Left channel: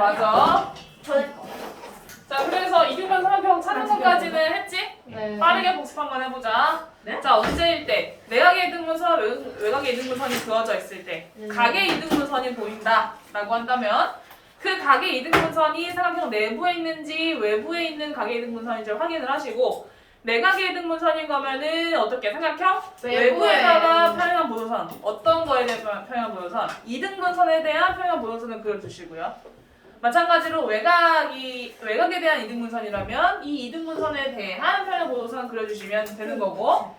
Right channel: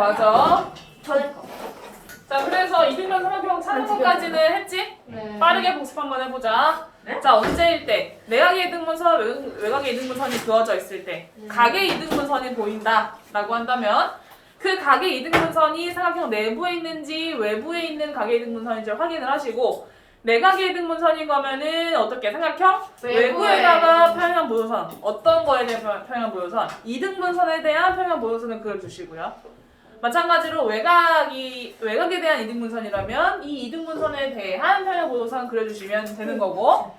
맞아. 거. 자, 그래서 이등변 삼각형 찾는 것까지는 했지? 네. 빠르게 복습 한번 해보자. 네? 자, 언제일 때 내각의 이등분선, 외- 외곽의 이등분선이 그어져 있을 때 네. 각의 이등분선이 보인다 라고 한다면 그 각의 이등분선이 삼각형 내부에 있는지 외부에 있는 각의 이등분선인지 확인을 하시고 내각의 이등분선인 거면은 어떻게 삼각형 외부에다가 평형 보도선 어떤 거에 대한 평형 보도선 이등분선에 대한 평형 보도선을 그려주시고요. 마찬가지로 외곽이 외곽에 대한 이등분선이라면 이 이등분선에 대한 평형 보도선 그려주시면 되는 거고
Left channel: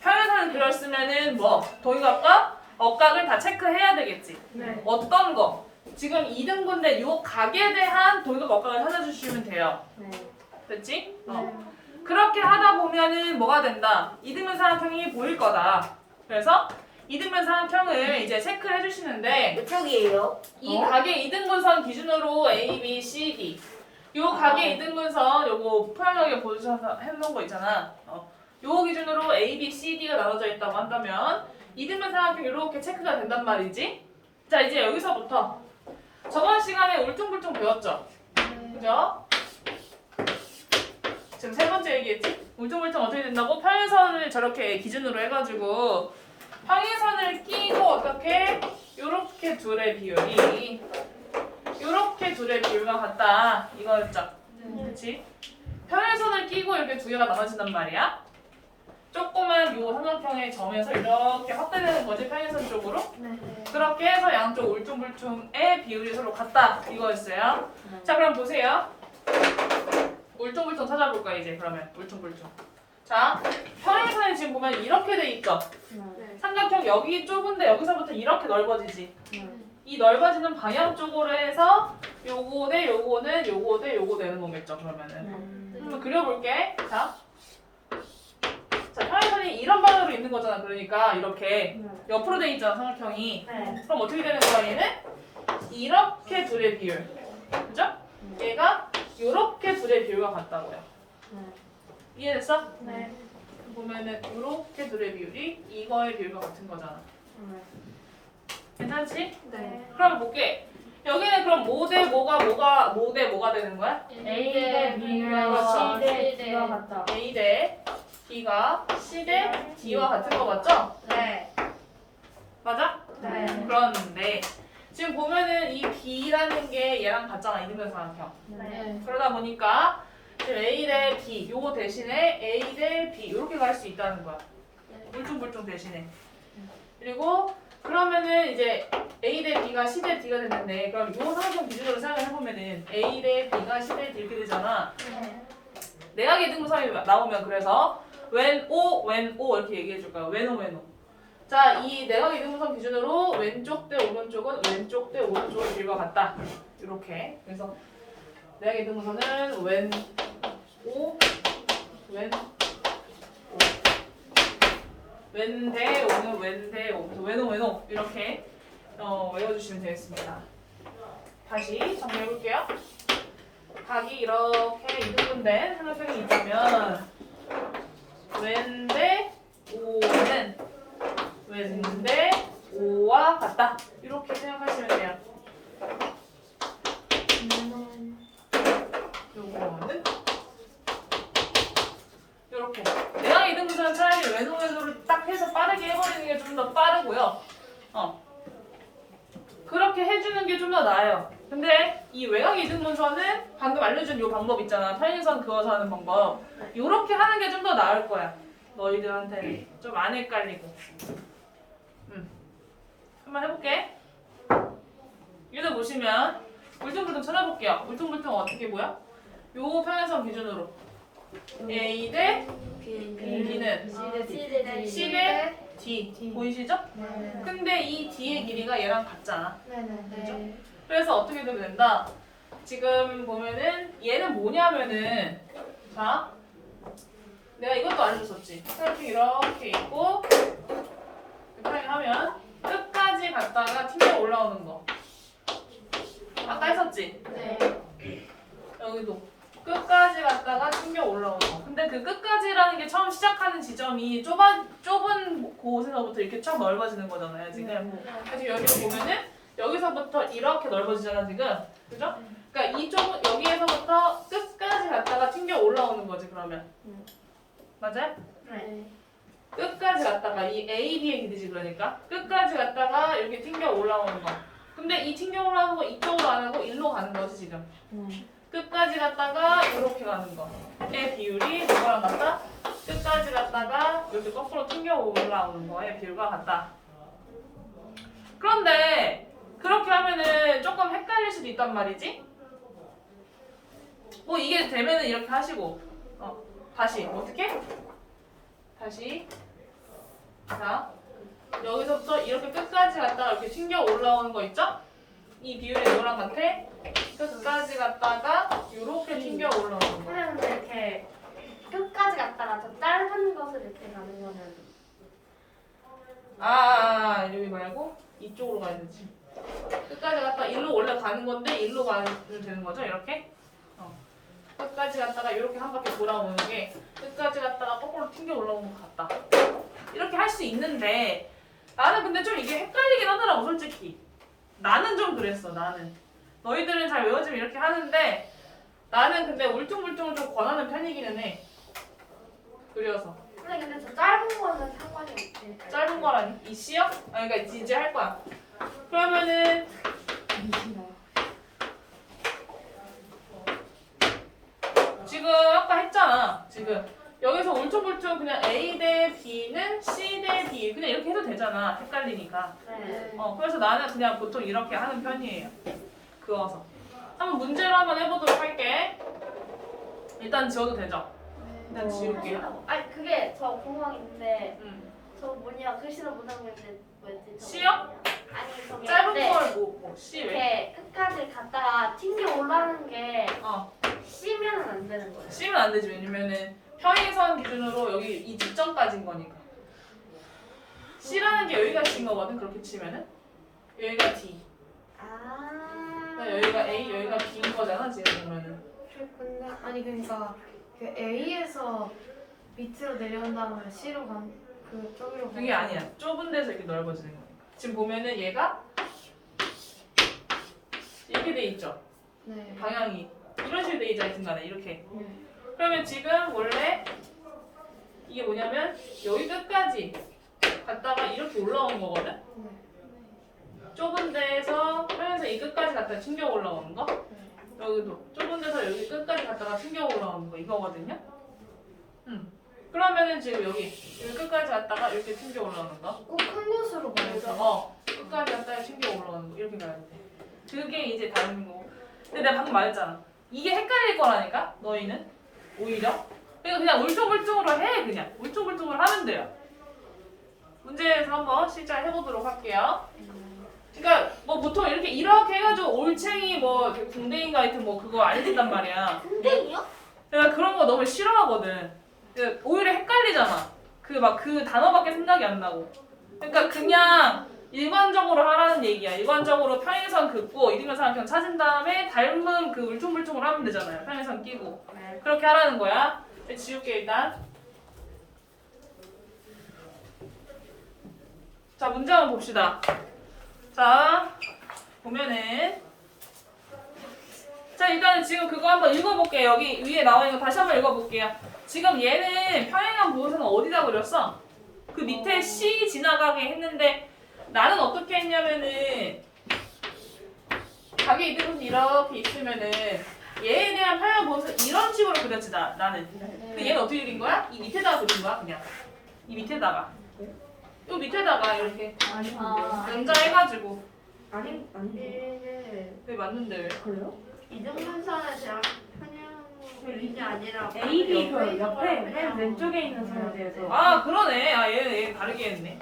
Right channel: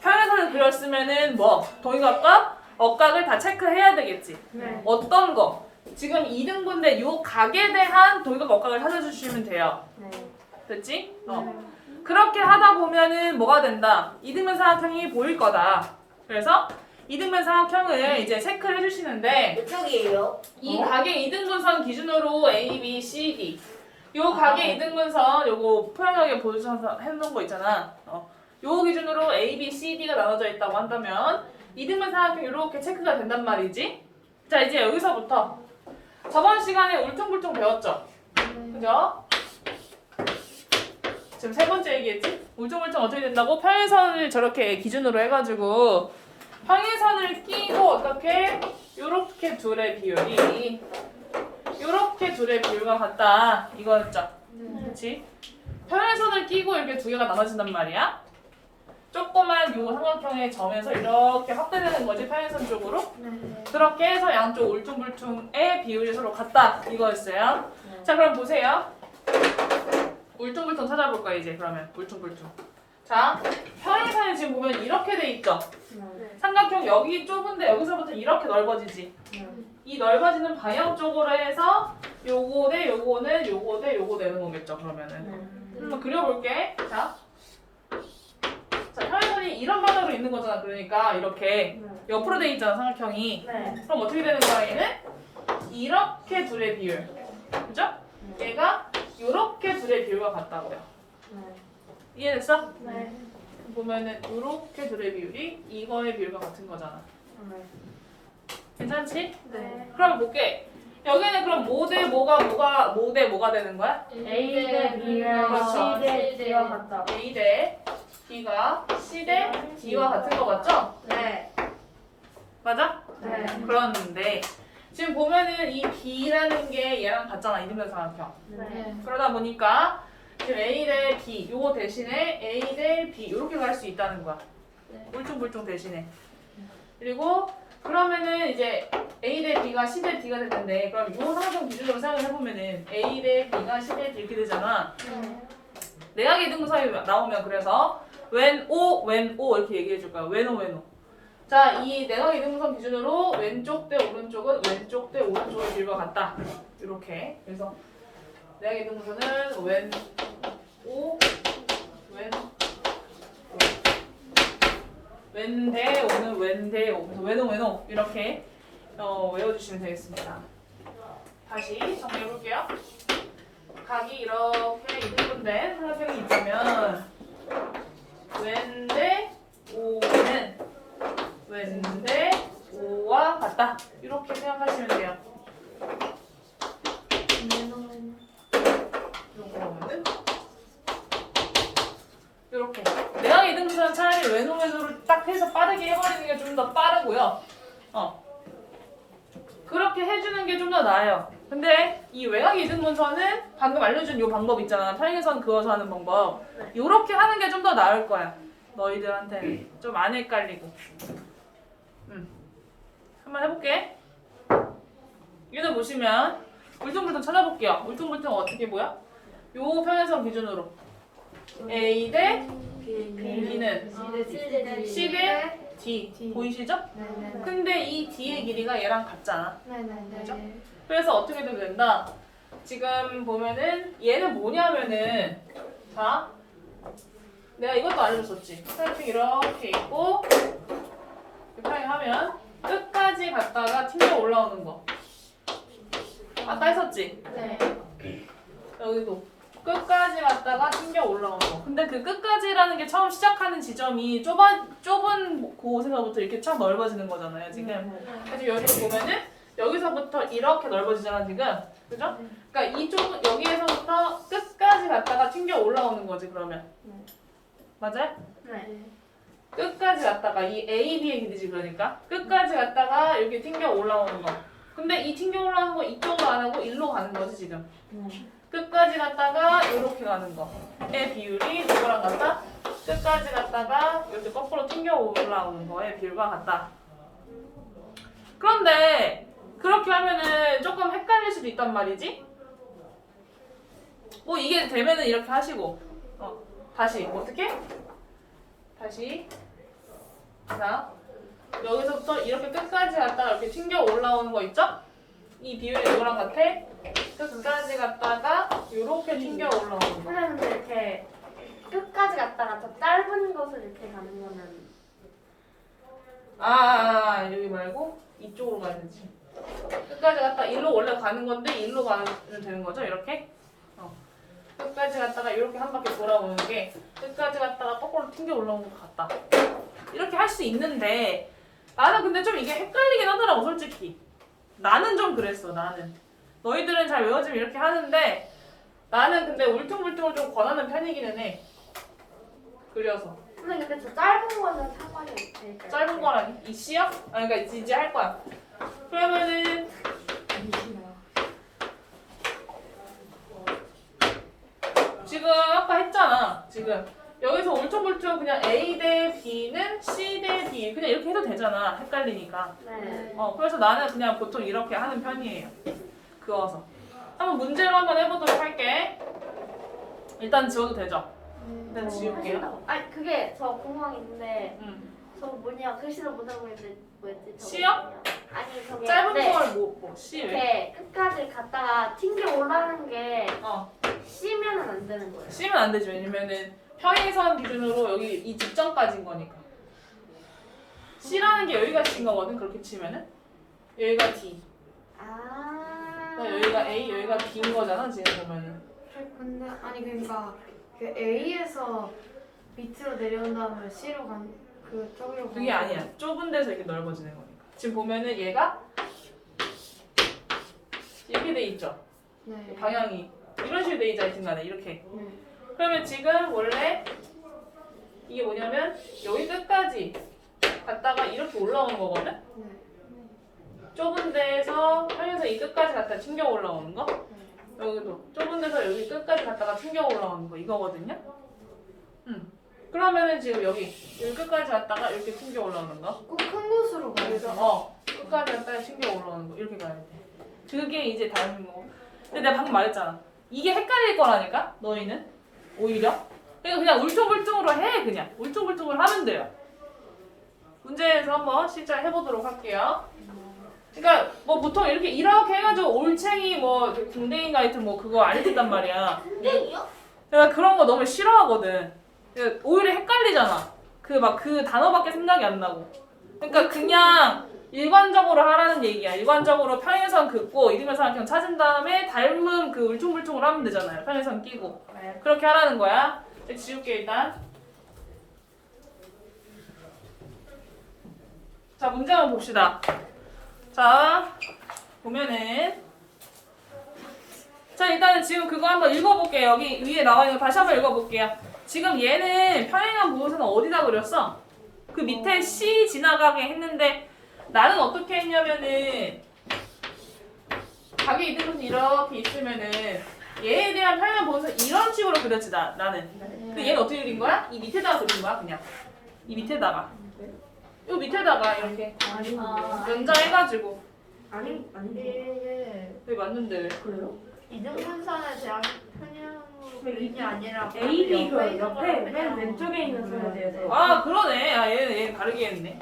평행선을 그렸으면은 뭐 동의각과 억각을 다 체크해야 되겠지. 네. 어떤 거? 지금 이등분대 요 각에 대한 동의각 억각을 찾아주시면 돼요. 네. 됐지? 어. 그렇게 하다 보면은 뭐가 된다? 이등분 삼각형이 보일 거다. 그래서 이등분 삼각형을 이제 체크를 해주시는데 저기예요. 이 어? 각의 이등분선 기준으로 A, B, C, D. 요 각의 이등분선 요거 표현하게 보여주셔서 해놓은 거 있잖아. 어. 요 기준으로 A, B, C, D가 나눠져 있다고 한다면 이등분 삼각형 이렇게 체크가 된단 말이지. 자 이제 여기서부터 저번 시간에 울퉁불퉁 배웠죠. 그죠? 지금 세 번째 얘기했지? 울퉁불퉁 어떻게 된다고? 평행선을 저렇게 기준으로 해가지고 평행선을 끼고 어떻게 요렇게 둘의 비율이 요렇게 둘의 비율과 같다 이거였죠? 그렇지? 평행선을 끼고 이렇게 두 개가 나눠진단 말이야 조그만 요 삼각형의 점에서 이렇게 확대되는 거지 평행선 쪽으로 네. 그렇게 해서 양쪽 울퉁불퉁의 비율이 서로 같다 이거였어요 네. 자 그럼 보세요 울퉁불퉁 찾아볼 거야 이제 그러면 울퉁불퉁 자 평행선이 지금 보면 이렇게 돼 있죠 네. 삼각형 여기 좁은데 여기서부터 이렇게 넓어지지. 이 넓어지는 방향 쪽으로 해서 요거 대 요거는 요거 대 요거 되는 거겠죠 그러면은. 한번 그려볼게. 자. 자 평행선이 이런 방향으로 있는 거잖아. 그러니까 이렇게 옆으로 돼 있잖아 삼각형이. 네. 그럼 어떻게 되는 거야 얘는? 이렇게 둘의 비율. 그죠? 얘가 요렇게 둘의 비율과 같다고요. 이해됐어? 네. 보면은 요렇게 둘의 비율이 이거의 비율과 같은 거잖아. 괜찮지? 네. 그럼 볼게. 여기는 그럼 뭐대 뭐가 뭐가 뭐대 뭐가 되는 거야? A 대 그렇죠. C 대 D와 같다. A 대 B가 C 대 D와 같은 거 맞죠? 네. 맞아? 네. 그런데 지금 보면은 이 B라는 게 얘랑 같잖아 이등변 삼각형. 네. 그러다 보니까 A 대 B 요거 대신에 A 대 B 이렇게 갈 수 있다는 거야. 울퉁불퉁 대신에. 그리고 그러면은 이제 A 대 B가 C 대 D가 됐는데 그럼 요 상종 기준으로 생각을 해보면은 A 대 B가 C 대 D 이렇게 되잖아. 네. 내각의 등분선이 나오면 그래서 왼 O 왼 O 이렇게 얘기해 줄 거야. 왼 O 왼 O. 자, 이 내각의 등분선 기준으로 왼쪽 대 오른쪽은 왼쪽 대 오른쪽의 길과 같다. 이렇게. 그래서 내각의 등분선은 왼 5 웬, 웬대, 오는 웬대, 웬오, 웬오 이렇게 어, 외워주시면 되겠습니다. 다시 정리해볼게요. 각이 이렇게 이분된 삼각형이 있다면 웬대, 오는 웬대, 오와 같다. 이렇게 생각하시면 돼요. 해서 빠르게 해버리는 게 좀 더 빠르고요. 어 그렇게 해주는 게 좀 더 나아요. 근데 이 외곽 이등분선은 방금 알려준 요 방법 있잖아. 평행선 그어서 하는 방법. 요렇게 하는 게 좀 더 나을 거야. 너희들한테 좀 안 헷갈리고. 음. 한번 해볼게. 여기다 보시면 울퉁불퉁 찾아볼게요. 울퉁불퉁 어떻게 보여? 요 평행선 기준으로 A 대 B는 C 대 D 보이시죠? 근데 이 D의 길이가 얘랑 같잖아. 그래서 어떻게 돼도 된다. 지금 보면은 얘는 뭐냐면은 자 내가 이것도 알려줬었지. 이렇게 이렇게 있고 이렇게 하면 끝까지 갔다가 튕겨 올라오는 거. 아까 했었지. 여기도 끝까지 갔다가 튕겨 올라오는 거. 근데 그 끝까지라는 게 처음 시작하는 지점이 좁아 좁은 곳에서부터 이렇게 참 넓어지는 거잖아요. 지금. 그래서 여기를 보면은 여기서부터 이렇게 넓어지잖아 지금 그죠? 그러니까 이쪽은 여기에서부터 끝까지 갔다가 튕겨 올라오는 거지 그러면 네. 맞아요? 네. 끝까지 갔다가 이 A, B의 길이지 그러니까 끝까지 갔다가 이렇게 튕겨 올라오는 거 근데 이 튕겨 올라오는 거 이쪽으로 안 하고 일로 가는 거지 지금 네. 끝까지 갔다가 이렇게 가는 거의 비율이 이거랑 같다? 끝까지 갔다가 이렇게 거꾸로 튕겨 올라오는 거의 비율과 같다. 그런데 그렇게 하면은 조금 헷갈릴 수도 있단 말이지? 뭐 이게 되면은 이렇게 하시고. 어, 다시. 어떻게? 다시. 자 여기서부터 이렇게 끝까지 갔다가 이렇게 튕겨 올라오는 거 있죠? 이 비율이 이거랑 같아 끝까지 갔다가 이렇게 튕겨 올라오는 거 선생님 근데 이렇게 끝까지 갔다가 더 짧은 것을 이렇게 가는 거는 아, 아, 아, 여기 말고 이쪽으로 가야 되지. 끝까지 갔다 일로 원래 가는 건데 일로 가면 되는 거죠, 이렇게? 어. 끝까지 갔다가 이렇게 한 바퀴 돌아오는 게 끝까지 갔다가 거꾸로 튕겨 올라오는 것 같다. 이렇게 할 수 있는데 나는 근데 좀 이게 헷갈리긴 하더라고, 솔직히. 나는 좀 그랬어, 나는. 너희들은 잘 외워지면 이렇게 하는데 나는 근데 울퉁불퉁을 좀 권하는 편이기는 해. 그려서. 선생님 근데 저 짧은 거는 상관이 없으니까 짧은 거라니? 이 C요? 아, 그러니까 이제, 이제 할 거야. 그러면은 지금 아까 했잖아. 지금 여기서 울퉁불퉁 그냥 A 대 B는 C 대 D 그냥 이렇게 해도 되잖아. 헷갈리니까. 네. 어 그래서 나는 그냥 보통 이렇게 하는 편이에요. 그어서. 한번 문제를 한번 해보도록 할게. 일단 지워도 되죠? 일단 지울게요. 아니 그게 저게 있는데 음. 저 뭐냐 글씨를 못 알고 있는데 뭐였지? 저거? 뭐냐. 아니 저기 짧은 네. 걸 뭐, 뭐 C 왜? 이렇게 끝까지 갔다가 튕겨 올라가는 게 어. C면은 안 되는 거예요. C면 안 되지. 왜냐면은 평행선 기준으로 여기 이 직전까지인 거니까. C라는 게 여기가 C인 거거든. 그렇게 치면은 여기가 D. 여기가 A, 여기가 D인 거잖아. 지금 보면은. 근데 아니 그러니까 그 A에서 밑으로 내려온 다음에 C로 간 그쪽으로 그게 아니야. 좁은 데서 이렇게 넓어지는 거니까. 지금 보면은 얘가 이렇게 돼 있죠. 네. 방향이 이런 식으로 돼 있잖아. 중간에 이렇게. 네. 그러면 지금 원래 이게 뭐냐면 여기 끝까지 갔다가 이렇게 올라온 거거든. 네. 좁은 데에서 평에서 이 끝까지 갔다 튕겨 올라오는 거. 여기도 좁은 데서 여기 끝까지 갔다가 튕겨 올라오는 거 이거거든요. 음. 그러면은 지금 여기 여기 끝까지 갔다가 이렇게 튕겨 올라오는 거. 꼭 큰 곳으로 가야 그래서 돼요. 어 끝까지 갔다가 튕겨 올라오는 거 이렇게 가야 돼. 그게 이제 다른 거. 근데 내가 방금 말했잖아. 이게 헷갈릴 거라니까 너희는 오히려. 그러니까 그냥 울퉁불퉁으로 해 그냥 울퉁불퉁으로 하면 돼요. 문제에서 한번 실제 해보도록 할게요. 그러니까 뭐 보통 이렇게 이렇게 해가지고 올챙이 뭐 궁뎅이 가이트 뭐 그거 안 해준단 말이야. 땡이요? 내가 그런 거 너무 싫어하거든. 그 오히려 헷갈리잖아. 그 막 그 단어밖에 생각이 안 나고. 그러니까 그냥 일관적으로 하라는 얘기야. 일관적으로 평행선 긋고 이등변선 그냥 찾은 다음에 닮은 그 울퉁불퉁을 하면 되잖아요. 평행선 끼고. 네. 그렇게 하라는 거야. 네, 지울게 일단. 자 문제 한번 봅시다. 자 보면은 자 일단은 지금 그거 한번 읽어볼게요. 여기 위에 나와 있는 거 다시 한번 읽어볼게요. 지금 얘는 평행한 무엇은 어디다 그렸어? 그 밑에 C 지나가게 했는데 나는 어떻게 했냐면은 가게 이등분 이렇게 있으면은 얘에 대한 평행한 무엇은 이런 식으로 그렸지 나, 나는. 근데 얘는 어떻게 그린 거야? 이 밑에다가 그린 거야 그냥. 이 밑에다가. 이 밑에다가 이렇게 아. 연장해가지고. 아니 아니 이게 왜 맞는데 왜? 그래요? 이등분선에 대한 편향이 아니라 A, B 그 옆에 맨 왼쪽에 있는 선에 대해서 아 그러네. 아 얘는 얘 다르게 했네.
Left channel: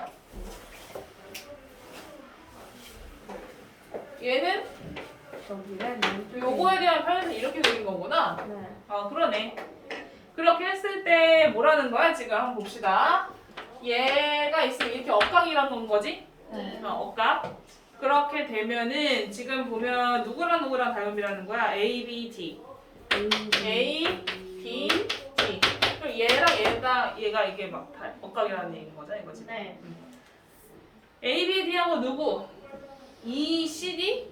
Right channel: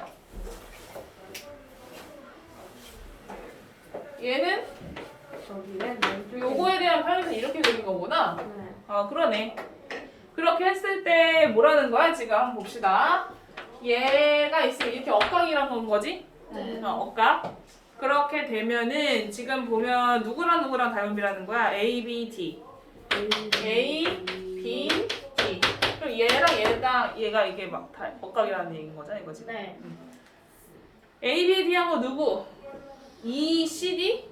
얘는 저기 맨 왼쪽에 요거에 대한 편에서 이렇게 그린 거구나. 네. 아 그러네. 그렇게 했을 때 뭐라는 거야 지금 한번 봅시다. 얘가 있으면 이렇게 억각이란 건 거지? 네. 어, 억각. 그렇게 되면은 지금 보면 누구랑 누구랑 닮음이라는 거야? A, B, D. A, B, D. 그럼 얘랑 얘가 얘가 이게 막 다- 억각이라는 얘기인 거잖아 이거지. 네. A, B, D하고 누구? E, C, D?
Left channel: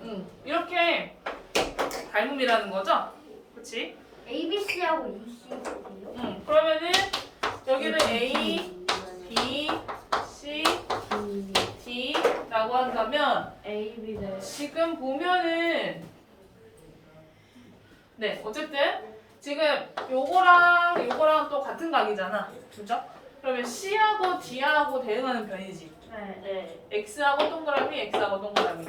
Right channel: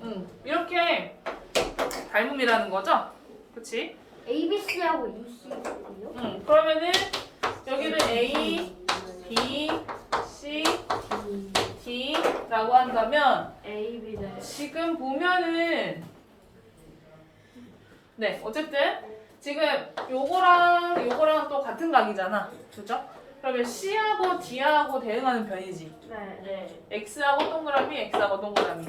응, 이렇게 닮음이라는 거죠? 그치? A, B, C하고 E, C요? 응, 그러면은 여기는 A, B, C, D라고 한다면 A, B, 네. 지금 보면은 네 어쨌든 지금 요거랑 요거랑 또 같은 각이잖아 그죠? 그러면 C하고 D하고 대응하는 변이지 네. 네. X하고 동그라미 X하고 동그라미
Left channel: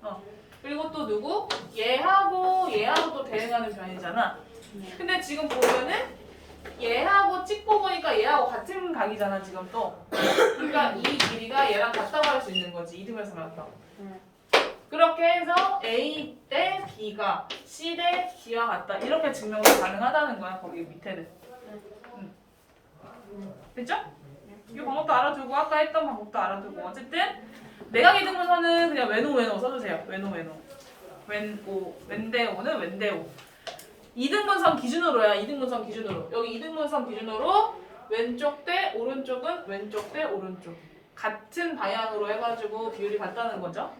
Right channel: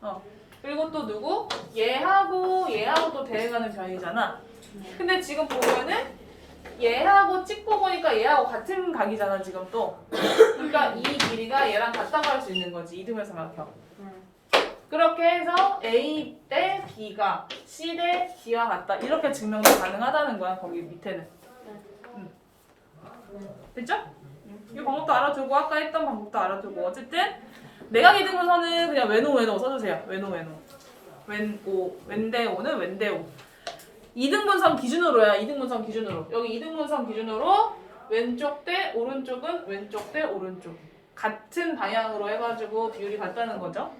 어 그리고 또 누구? 얘하고 얘하고 또 대응하는 변이잖아 네. 근데 지금 보면은 얘하고 찍고 보니까 얘하고 같은 각이잖아 지금 또 그러니까 이 길이가 얘랑 같다고 할 수 있는 거지 이등변성각형 네. 그렇게 해서 A 대 B가 C 대 D와 같다 이렇게 증명이 가능하다는 거야 거기 밑에는 응. 됐죠? 이 방법도 알아두고 아까 했던 방법도 알아두고 어쨌든 내각 이등분선은 그냥 왼오 왼오 써주세요. 왼오 왼오. 왼오 왼대 오는 왼대 오. 이등분선 기준으로야 이등분선 기준으로. 여기 이등분선 기준으로 왼쪽 대 오른쪽은 왼쪽 대 오른쪽. 같은 방향으로 해가지고 비율이 같다는 거죠?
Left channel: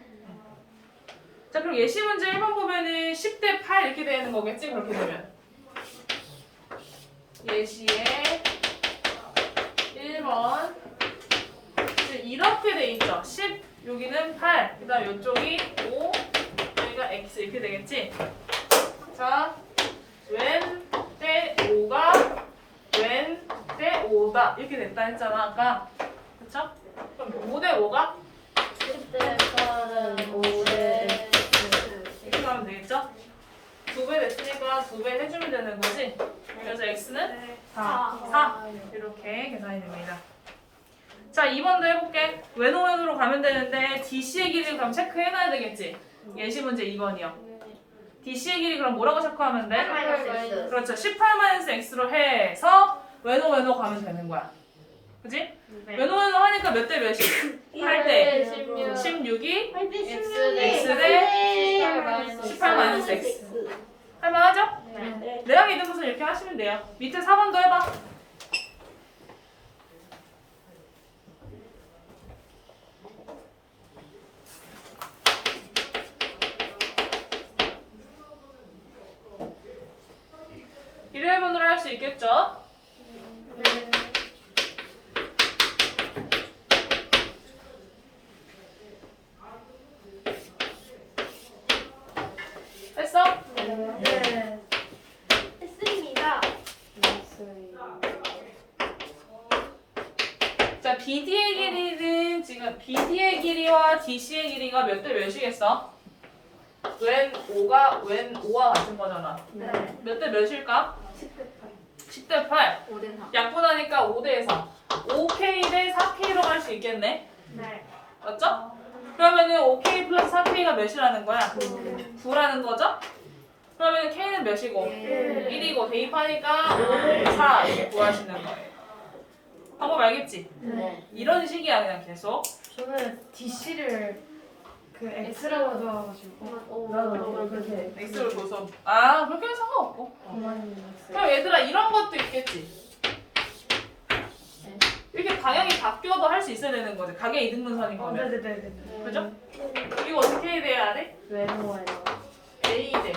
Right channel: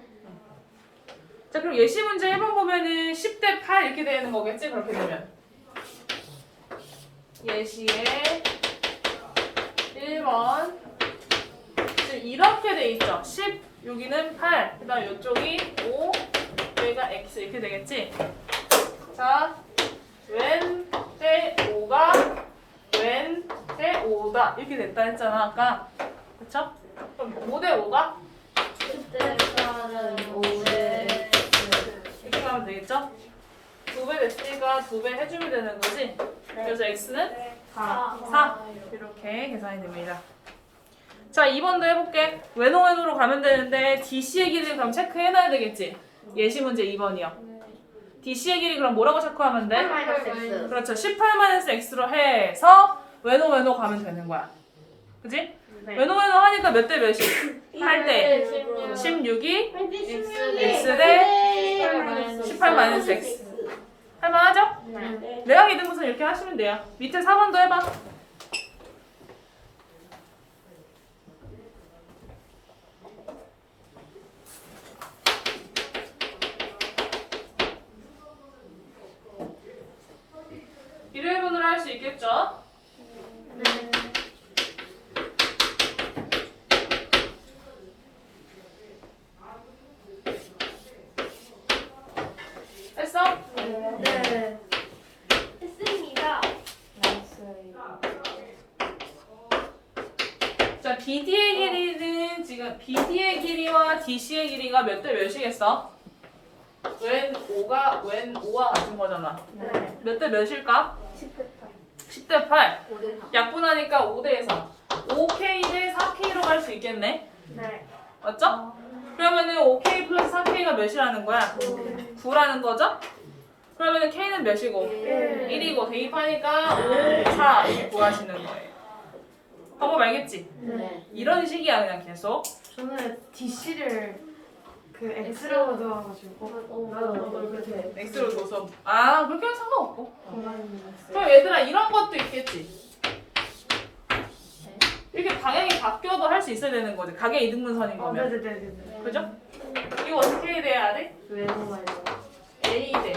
자 그럼 예시 문제 1번 보면은 10대 8 이렇게 되는 거겠지? 그렇게 되면. 예시에 1번. 지금 이렇게 돼 있죠? 10 여기는 8 그 다음 이쪽이 5 여기가 x 이렇게 되겠지 자왼대 5가 왼대 5다 이렇게 됐다 했잖아 아까 그쵸? 그럼 5대 5가 10대 8은 5대 이렇게 하면 되겠죠? 두 배 됐으니까 두 배 해주면 되는 거지? 그래서 x는 4, 4 이렇게 계산이 됩니다. 자 2번도 해볼게. 왼오왼으로 가면 되는데 DC의 길이 그럼 체크해놔야 되겠지? 예시 문제 2번이요. DC의 길이 그럼 뭐라고 체크하면 돼? 8 마이너스 X. 그렇죠. 18-x로 해서 왼오왼으로 가면 되는 거야. 그지? 네. 왼오왼으로 하니까 몇 대 몇이? 8대. 8대 16이 X 대 18 마이너스 X. 할만하죠? 네. 내가 믿은 것은 이렇게 하시면 돼요. 밑에 4번도 해봐. 일회분으로 할 수 있겠죠? 했어? 네. 했습니다. 자, BD의 길이는 지금 BD의 길이와 DC의 길이가 몇 대 몇이겠어? 웬 5가 웬 5와 같은 거잖아. 네. 몇 대 몇일까? 10대 10대 8. 5대 4. 약분하니까 5대 4. 5K 대 4K로 갈 수 있겠네. 네. 맞죠? 그러면은 5K 플러스 4K가 몇이라는 거야? 9라는 거죠? 그러면 K는 몇이고? 일. 1이고 대입하니까 5, 4 이렇게 구하시는 거예요. 방법 알겠지? 네. 이런 식이야 그냥 계속. 저는 DC를 그 X라고 좋아가지고 나도 그렇게. X로 줘서 아 그렇게 하면 상관없고 그만 그럼 얘들아 이런 것도 있겠지 이렇게 방향이 바뀌어도 할 수 있어야 되는 거지 가게 이등분선인 어, 거면 네네네네. 그죠? 이거 어떻게 돼야 돼? 외모가요. A 대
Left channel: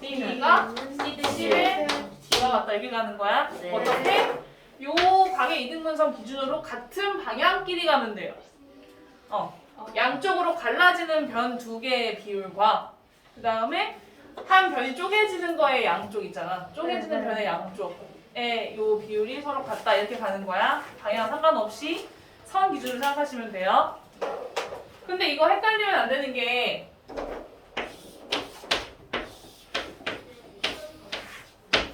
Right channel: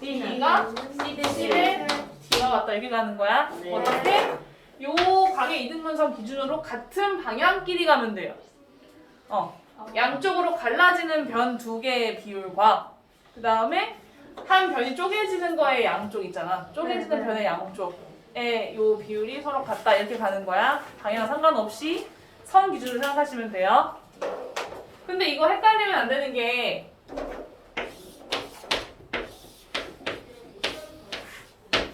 B가 C 대 C 대 D와 같다 이렇게 가는 거야 네. 어떻게? 요 가게 이등분선 기준으로 같은 방향끼리 가면 돼요 어 양쪽으로 갈라지는 변 두 개의 비율과 그 다음에 한 변이 쪼개지는 거의 양쪽 있잖아. 쪼개지는 네, 네. 변의 양쪽의 요 비율이 서로 같다 이렇게 가는 거야. 방향 상관없이 선 기준으로 생각하시면 돼요. 근데 이거 헷갈리면 안 되는 게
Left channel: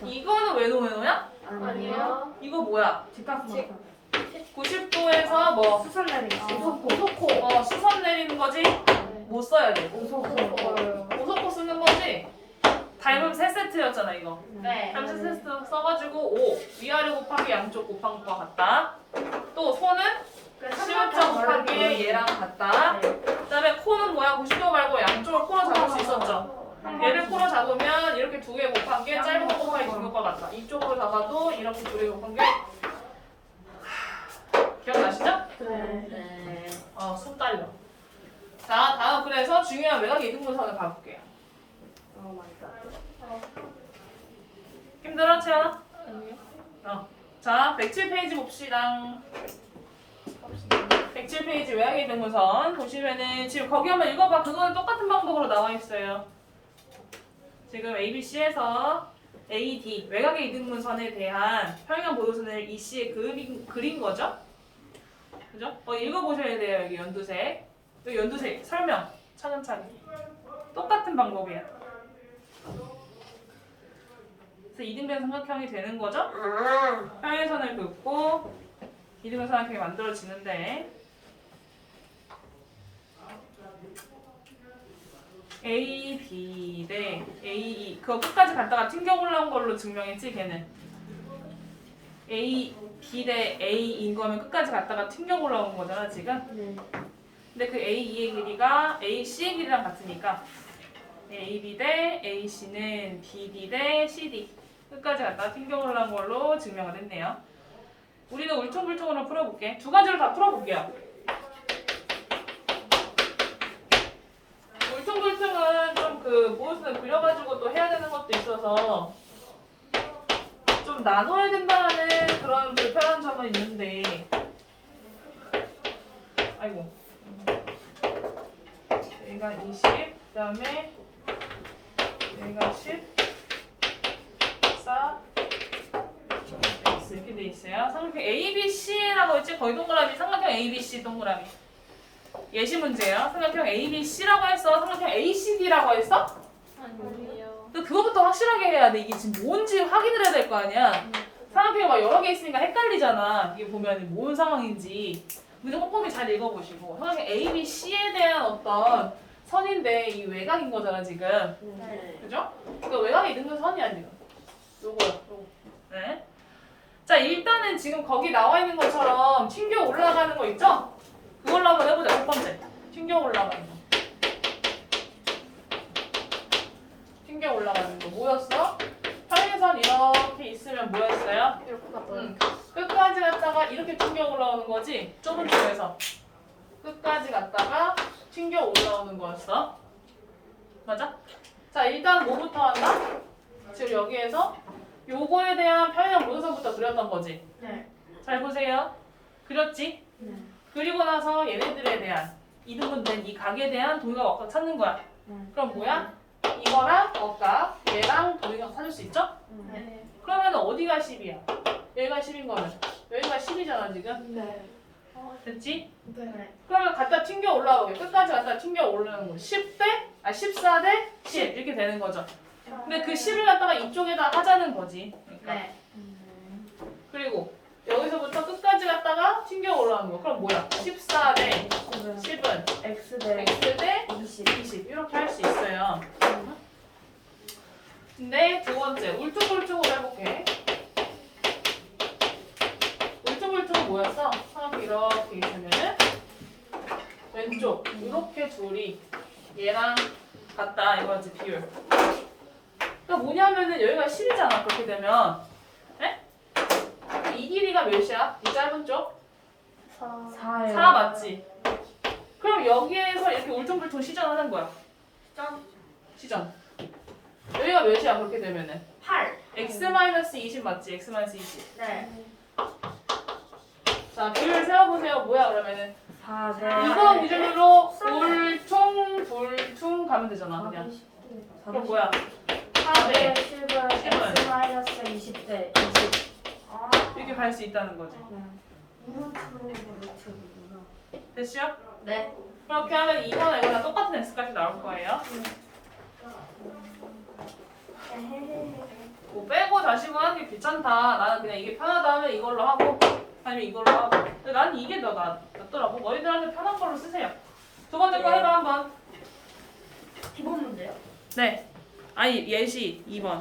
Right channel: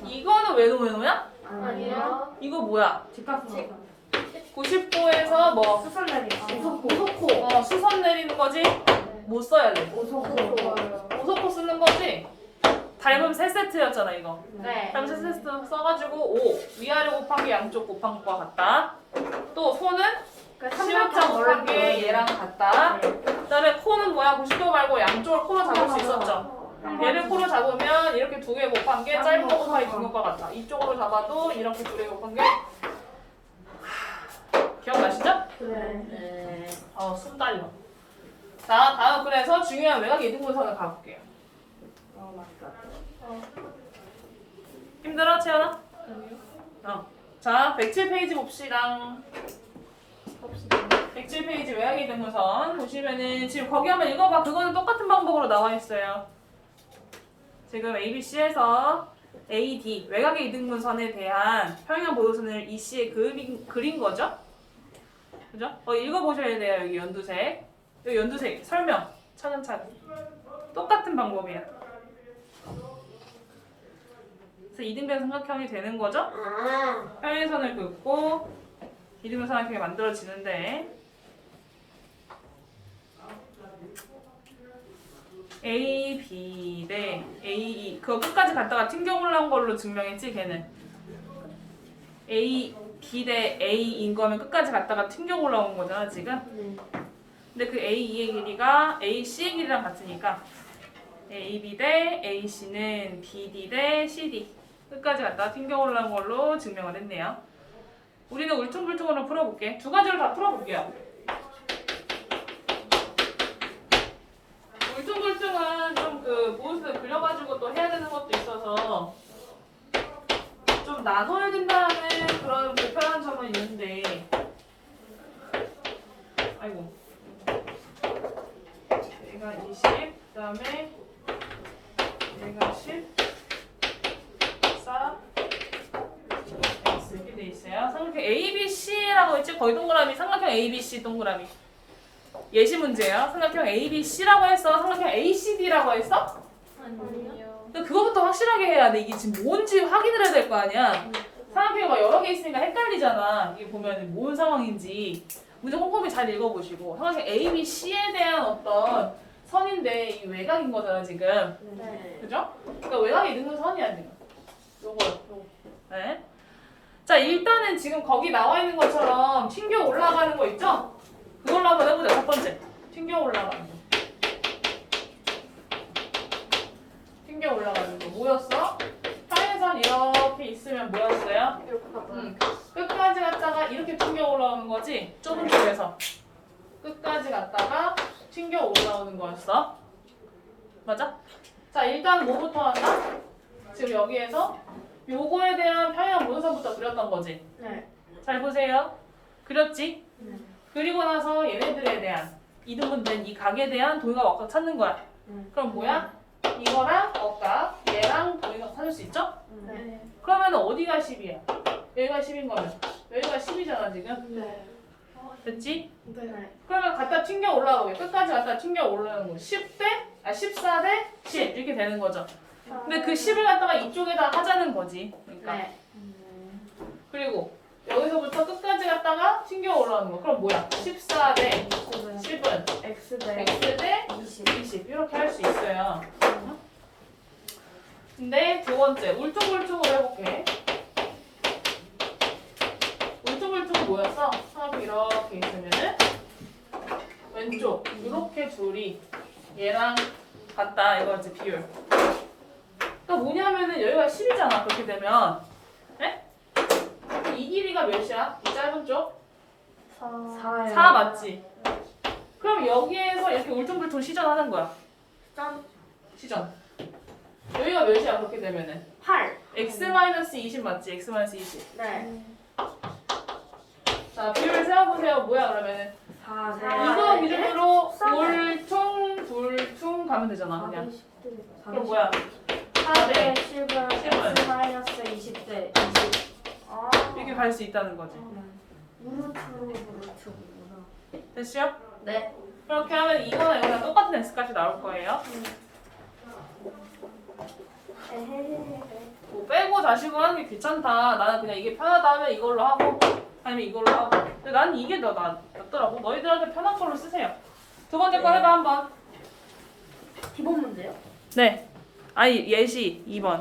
이거는 왼오 왼오야? 아니요. 이거 뭐야? 뒷값은 90도에서 뭐 수설 내리. 오소코 어, 수선 내리는 거지? 못 써야 돼. 오소코. 오소코 쓰는 거지? 닮음 세 세트였잖아 이거. 네. 닮음 세 세트 써가지고 5 위아래 곱하기 양쪽 곱한 것과 같다. 또 소는 시옷자 곱하기 얘랑 같다. 그다음에 코는 뭐야? 90도 말고 양쪽을 코로 잡을 수 있었죠. 얘를 코로 잡으면 이렇게 두 개 곱한 게 짧은 거 곱하기 긴 것과 같다. 이쪽으로 잡아도 이렇게 두 개 곱한 게 기억나시죠? 네. 어, 손 딸려. 자, 다음 그래서 중요한 외곽 이등분선을 가볼게요. 오 마이 갓. 힘들어, 채연아? 어. 자, 107페이지 봅시다. 봅시다. 107페이지 외곽 이등분선 보시면은 지금 거기 한번 읽어봐. 그거는 똑같은 방법으로 나와 있어요. 지금 ABC에서 AD 외곽의 이등분선에 대한 평형 보도선을 EC에 그린, 그린 거죠? 그죠? 어, 읽어보셔야 돼요. 여기 연두색. 여기 연두색. 설명. 차근차근. 똑같은 방법이야. 그래서 이등변 삼각형이 되는 거죠? 아. 평행선을 긋고 이등변 삼각형이 만들어지는데 A, B 대 A, E 그거 끝까지 갔다가 튕겨 올라온 걸로 증명했지 걔는 A, B 대 A인 거면 끝까지 갔다가 튕겨 올라온 거잖아 지금? 네. 근데 그 A, E의 길이가 A, C의 길이랑 같으니까 A, B 대 A, C는 B, D 대 C, D. 끝까지 갔다가 튕겨 올라온 걸로 증명을 했네요. 우리는 울퉁불퉁으로 풀어볼게. 두 가지를 다 풀어볼게요. 울퉁불퉁은 좀그 무엇을 그려가지고 또 해야 되는 것도 있어서 좀 나눠야 된다는 그런 불편한 점은 있는데 아이고 얘가 20 그다음에 얘가 10 4 X 이렇게 돼 있어요. 삼각형 A, B, C라고 했지? 거기 동그라미 삼각형 A, B, C 동그라미. 예시 문제예요. 삼각형 A, B, C라고 했어. 삼각형 A, C, D라고 했어? 아니요. 그거부터 확실하게 해야 돼. 이게 지금 뭔지 확인을 해야 될 거 아니야. 삼각형이 막 여러 개 있으니까 헷갈리잖아. 이게 보면 뭔 상황인지. 문제 꼼꼼히 잘 읽어보시고. 삼각형 A, B, C에 대한 어떤 선인데 이 외곽인 거잖아 지금. 네. 그죠? 그러니까 외곽에 있는 건 선이야 지금. 요거요, 요거. 네. 자 일단은 지금 거기 나와 있는 것처럼 튕겨 올라가는 거 있죠? 그걸로 한번 해보자. 첫 번째. 튕겨 올라가는 거. 튕겨 올라가는 거 뭐였어? 평행선 있으면 뭐였어요? 응. 끝까지 갔다가 이렇게 튕겨 올라오는 거지. 좁은 쪽에서 끝까지 갔다가 튕겨 올라오는 거였어. 맞아? 자 일단 뭐부터 한다? 지금 여기에서 요거에 대한 평행 모선부터 그렸던 거지. 네. 잘 보세요. 그렸지? 네. 그리고 나서 얘네들에 대한 이등분된 이 각에 대한 도형각 억각 찾는 거야. 음. 그럼 뭐야? 이거랑 억각, 얘랑 도형각 찾을 수 있죠? 네. 그러면 어디가 10이야? 여기가 10인 거면 여기가 10이잖아 지금. 네. 됐지? 네. 그러면 갖다 튕겨 올라가게 끝까지 갖다 튕겨 올라가는 거 10대 아 14대 10 이렇게 되는 거죠. 근데 그 10을 갖다가 이쪽에다 하자는 거지. 그러니까. 네. 그리고 여기서부터 끝까지 갔다가 튕겨 올라가는 거. 그럼 뭐야? 14대 10은 X 대 x 대 20. 20 이렇게 할 수 있어요. 근데 두 번째 울퉁불퉁으로 해볼게. 울퉁불퉁은 뭐였어? 삼각형 이렇게 있으면은 왼쪽 이렇게 둘이 얘랑 같다 이거지 비율. 그러니까 뭐냐면은 여기가 10이잖아 그렇게 되면. 에? 이 길이가 몇이야? 이 짧은 쪽? 4. 4 맞지? 그럼 여기에서 이렇게 울퉁불퉁 시전하는 거야. 점 시전. 여기가 몇이야 그렇게 되면은 8. x-20 맞지? x-20. 네. 자 비율 세워보세요. 뭐야 그러면은 4. 네. 이거 기준으로 울퉁 불퉁 가면 되잖아 그냥. 그럼 뭐야? 4대 10은 십은. X 마이너스 20대 20. 아. 이렇게 갈 수 있다는 거지. 무르츠로 무르츠. 됐죠? 네. 그렇게 하면 이거나 이거나 똑같은 x값이 나올 거예요. 뭐 빼고 다시고 하는 게 귀찮다. 나는 그냥 이게 편하다 하면 이걸로 하고 아니면 이걸로 하고. 근데 나는 이게 더 나, 낫더라고. 너희들한테 편한 걸로 쓰세요. 두 번째 거 네. 해봐 한번. 기본 문제요? 네. 아니 예시 2번.